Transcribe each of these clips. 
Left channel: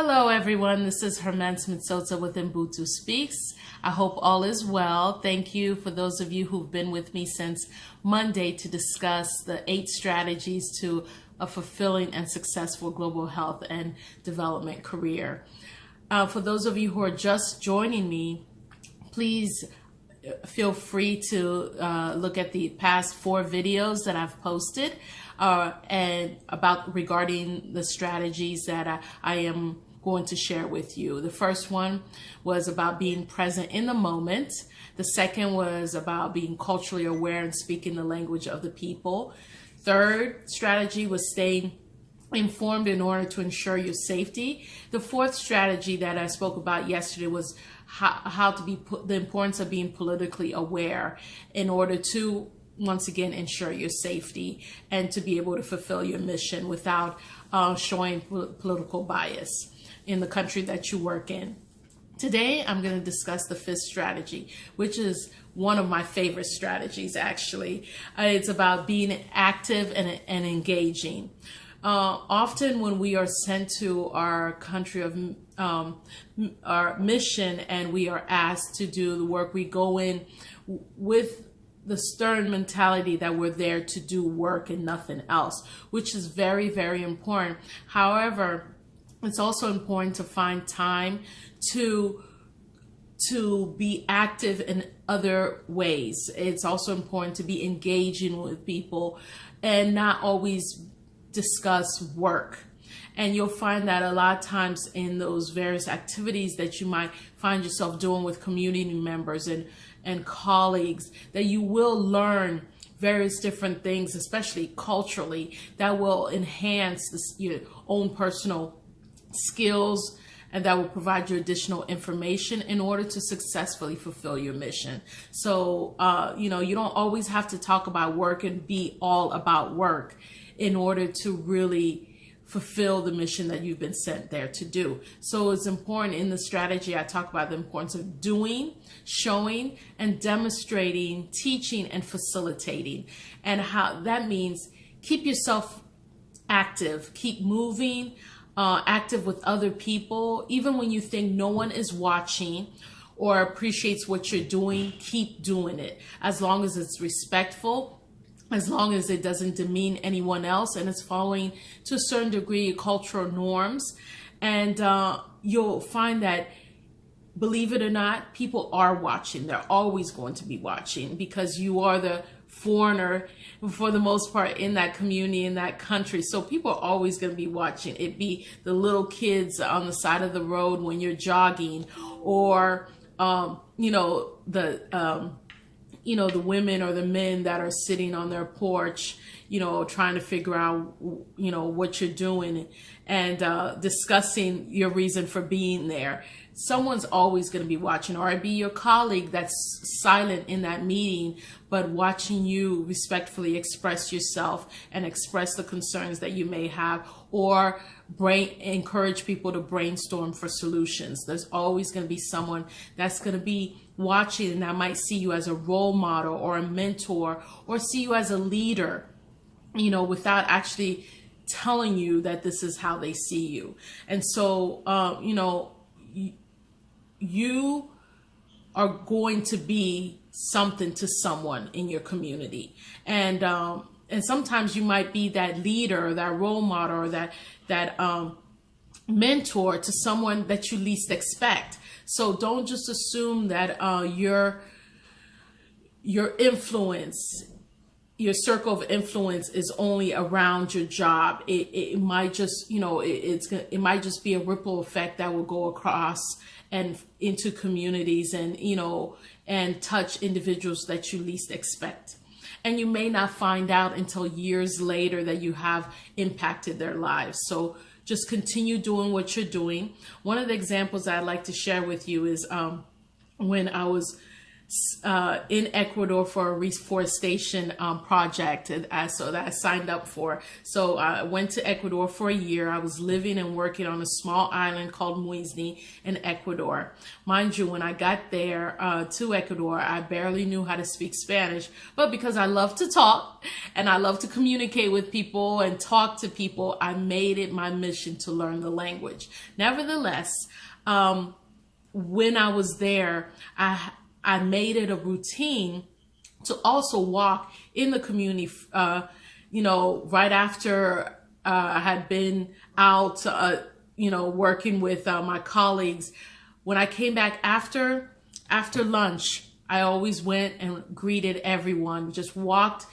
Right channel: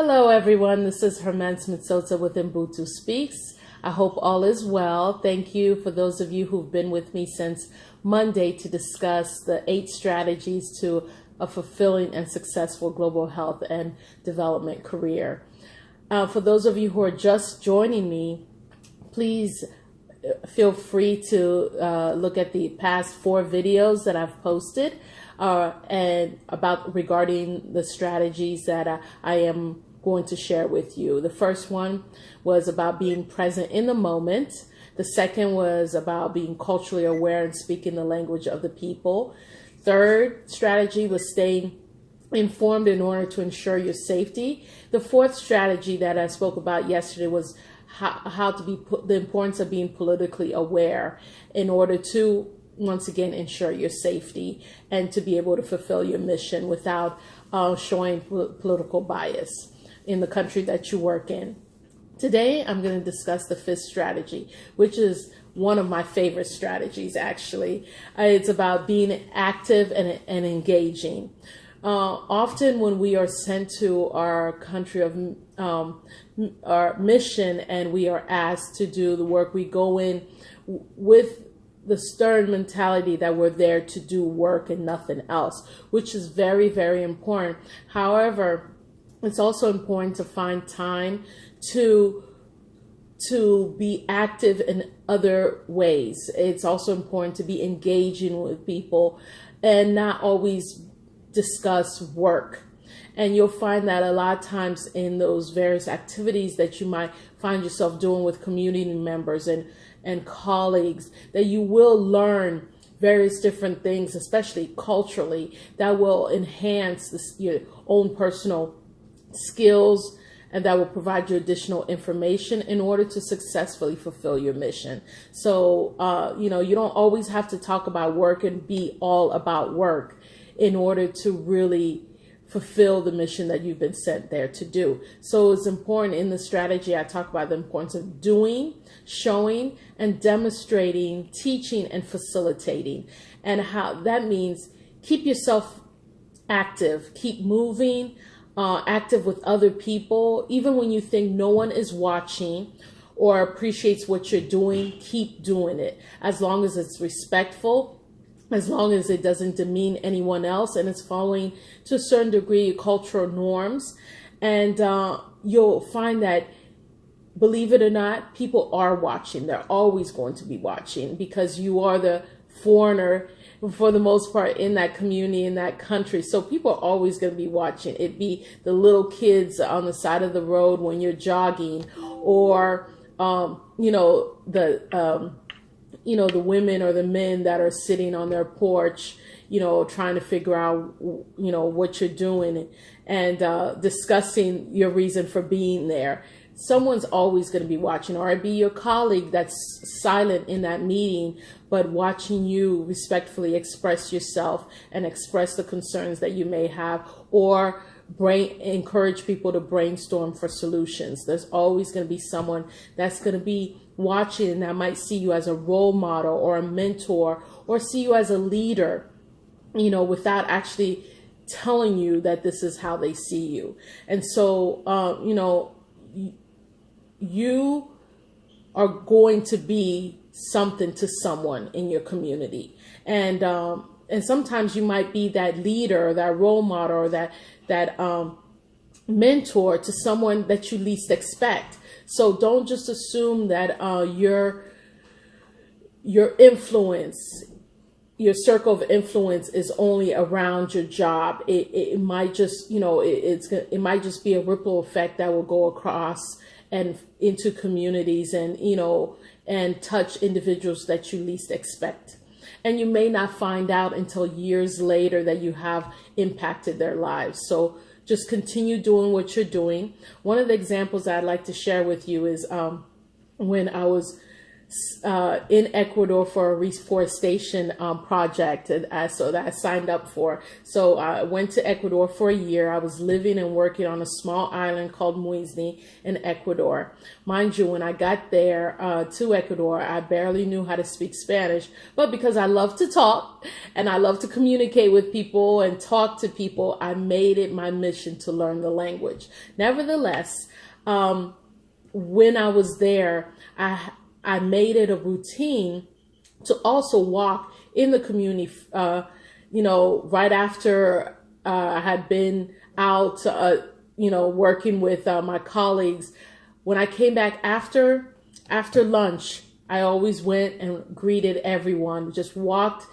Hello everyone, this is Herman Smith-Sosa with uBuntuSpeaks. I hope all is well. Thank you for those of you who've been with me since Monday to discuss the 8 strategies to a fulfilling and successful global health and development career. For those of you who are just joining me, please feel free to look at the past 4 videos that I've posted and regarding the strategies that I am going to share with you. The first one was about being present in the moment. The second was about being culturally aware and speaking the language of the people. Third strategy was staying informed in order to ensure your safety. The fourth strategy that I spoke about yesterday was how to be the importance of being politically aware in order to once again ensure your safety and to be able to fulfill your mission without showing political bias in the country that you work in. Today, I'm going to discuss the 5th strategy, which is one of my favorite strategies, actually. It's about being active and engaging. Often when we are sent to our country of our mission and we are asked to do the work, we go in with the stern mentality that we're there to do work and nothing else, which is very, very important. However, it's also important to find time to be active in other ways. It's also important to be engaging with people and not always discuss work. And you'll find that a lot of times in those various activities that you might find yourself doing with community members and colleagues, that you will learn various different things, especially culturally, that will enhance your own personal skills and that will provide you additional information in order to successfully fulfill your mission. So, you don't always have to talk about work and be all about work in order to really fulfill the mission that you've been sent there to do. So it's important in the strategy, I talk about the importance of doing, showing, and demonstrating, teaching, and facilitating. And how that means keep yourself active, keep moving, active with other people. Even when you think no one is watching or appreciates what you're doing, keep doing it. As long as it's respectful, as long as it doesn't demean anyone else and it's following to a certain degree cultural norms. And you'll find that, believe it or not, people are watching. They're always going to be watching because you are the foreigner for the most part in that community, in that country. So people are always going to be watching. It be the little kids on the side of the road when you're jogging, or the women or the men that are sitting on their porch, trying to figure out, what you're doing and discussing your reason for being there. Someone's always going to be watching, or it be your colleague that's silent in that meeting, but watching you respectfully express yourself and express the concerns that you may have, or encourage people to brainstorm for solutions. There's always going to be someone that's going to be watching and that might see you as a role model or a mentor or see you as a leader, without actually telling you that this is how they see you. And so, you are going to be something to someone in your community. And sometimes you might be that leader, or that role model, or that mentor to someone that you least expect. So don't just assume that your influence, your circle of influence is only around your job. It might just, it might just be a ripple effect that will go across and into communities and touch individuals that you least expect. And you may not find out until years later that you have impacted their lives. So just continue doing what you're doing. One of the examples I'd like to share with you is when I was in Ecuador for a reforestation project so that I signed up for. So I went to Ecuador for a year. I was living and working on a small island called Muisni in Ecuador. Mind you, when I got there to Ecuador, I barely knew how to speak Spanish, but because I love to talk and I love to communicate with people and talk to people, I made it my mission to learn the language. Nevertheless, when I was there, I made it a routine to also walk in the community, right after I had been out, working with my colleagues. When I came back after lunch, I always went and greeted everyone, just walked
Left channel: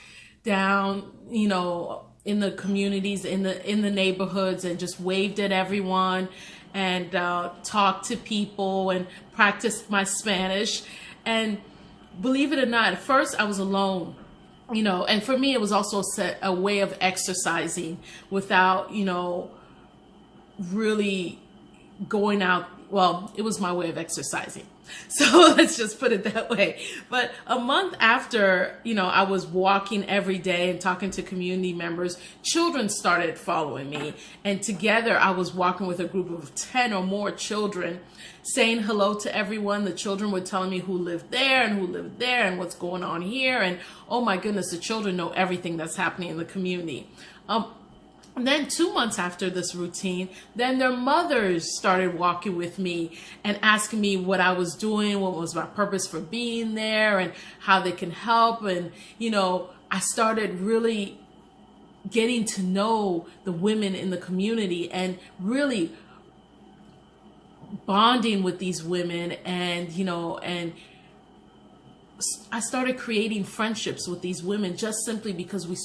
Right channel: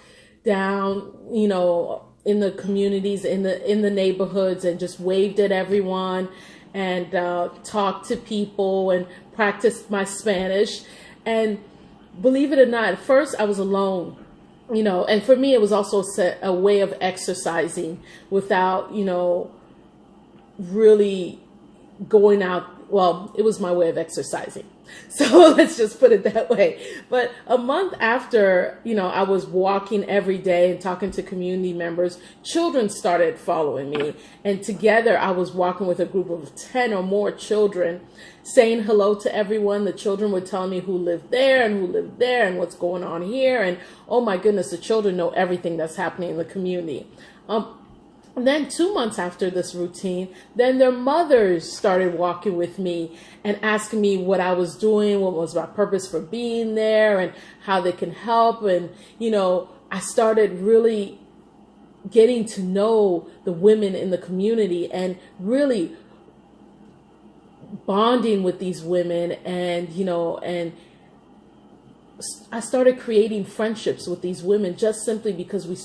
down, in the communities, in the neighborhoods, and just waved at everyone and talked to people and practiced my Spanish. And believe it or not, at first I was alone, and for me, it was also a way of exercising without, really going out. Well, it was my way of exercising. So let's just put it that way. But a month after, I was walking every day and talking to community members, children started following me. And together I was walking with a group of 10 or more children, saying hello to everyone. The children were telling me who lived there and who lived there and what's going on here. And oh my goodness, the children know everything that's happening in the community. And then 2 months after this routine, then their mothers started walking with me and asking me what I was doing, what was my purpose for being there, and how they can help. And, I started really getting to know the women in the community and really bonding with these women. And, and I started creating friendships with these women just simply because we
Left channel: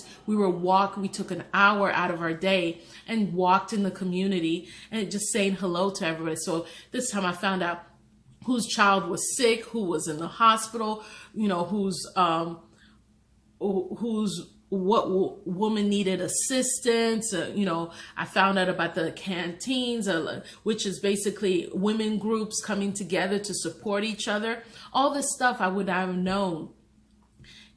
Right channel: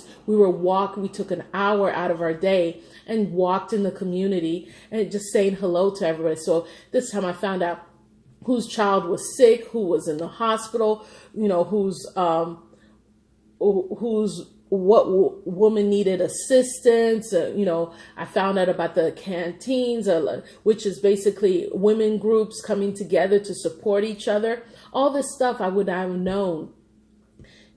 took an hour out of our day and walked in the community and just saying hello to everybody. So this time I found out whose child was sick, who was in the hospital, what woman needed assistance. I found out about the canteens, which is basically women groups coming together to support each other. All this stuff I would not have known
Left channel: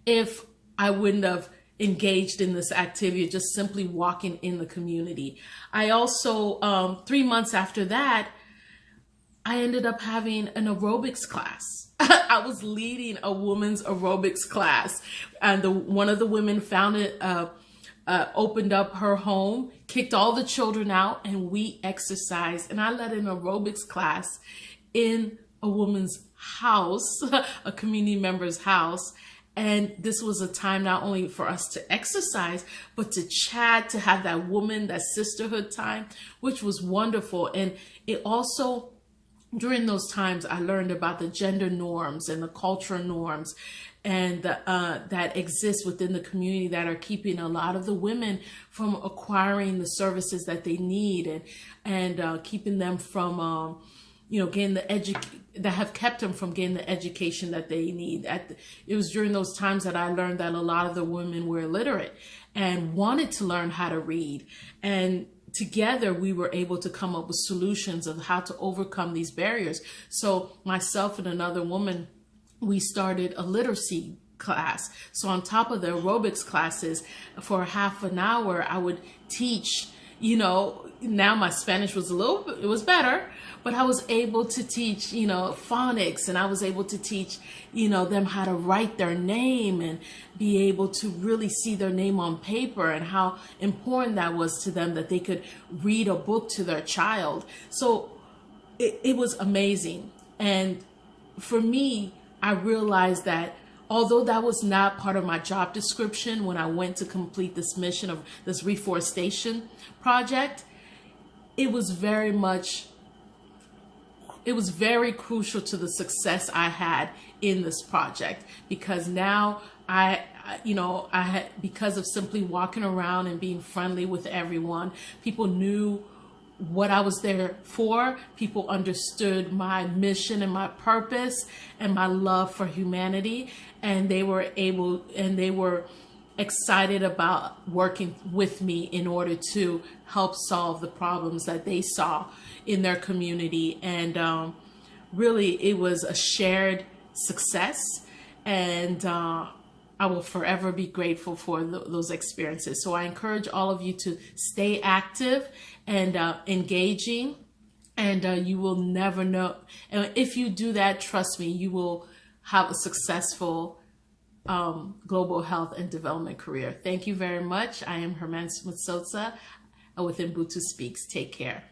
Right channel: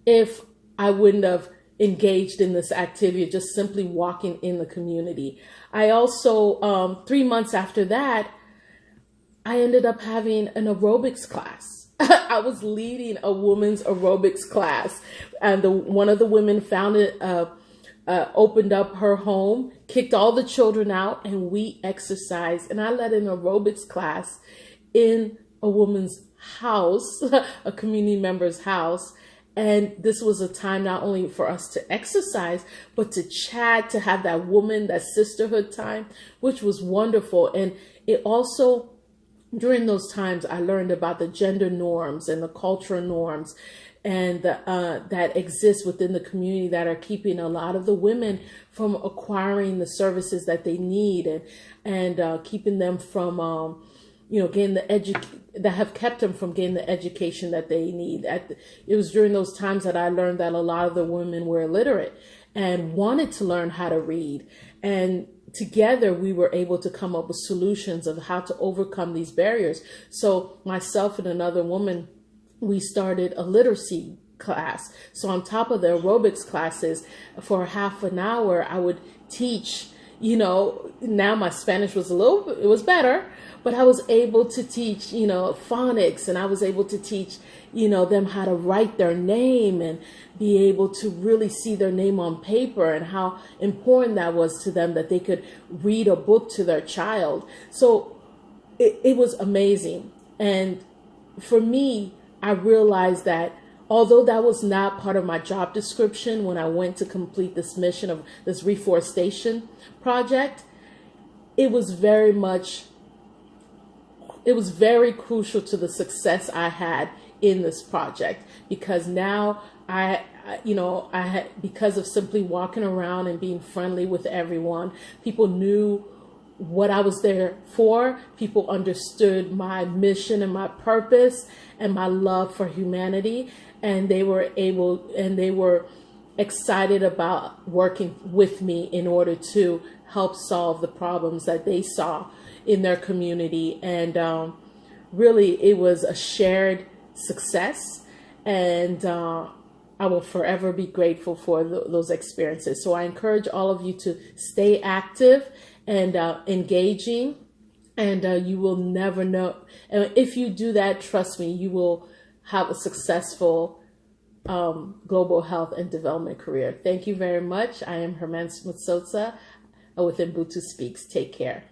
if I wouldn't have engaged in this activity, just simply walking in the community. I also, 3 months after that, I ended up having an aerobics class. I was leading a women's aerobics class, and one of the women opened up her home, kicked all the children out, and we exercised. And I led an aerobics class in a woman's house, a community member's house. And this was a time not only for us to exercise, but to chat, to have that sisterhood time, which was wonderful. And it also, during those times, I learned about the gender norms and the cultural norms and that exist within the community that are keeping a lot of the women from acquiring the services that they need, and keeping them from, getting that have kept them from getting the education that they need. It was during those times that I learned that a lot of the women were illiterate and wanted to learn how to read. And together we were able to come up with solutions of how to overcome these barriers. So myself and another woman, we started a literacy class. So on top of the aerobics classes, for half an hour, I would teach, now my Spanish was it was better, but I was able to teach, phonics, and I was able to teach, them how to write their name and be able to really see their name on paper, and how important that was to them, that they could read a book to their child. So it was amazing. And for me, I realized that although that was not part of my job description when I went to complete this mission of this reforestation project, it was very crucial to the success I had in this project, because now because of simply walking around and being friendly with everyone, people knew what I was there for. People understood my mission and my purpose and my love for humanity, and they were excited about working with me in order to help solve the problems that they saw in their community. And really, it was a shared success. And I will forever be grateful for those experiences. So I encourage all of you to stay active and engaging, and you will never know. And if you do that, trust me, you will have a successful global health and development career. Thank you very much. I am Herman Smith-Sosa with uBuntuSpeaks. Take care.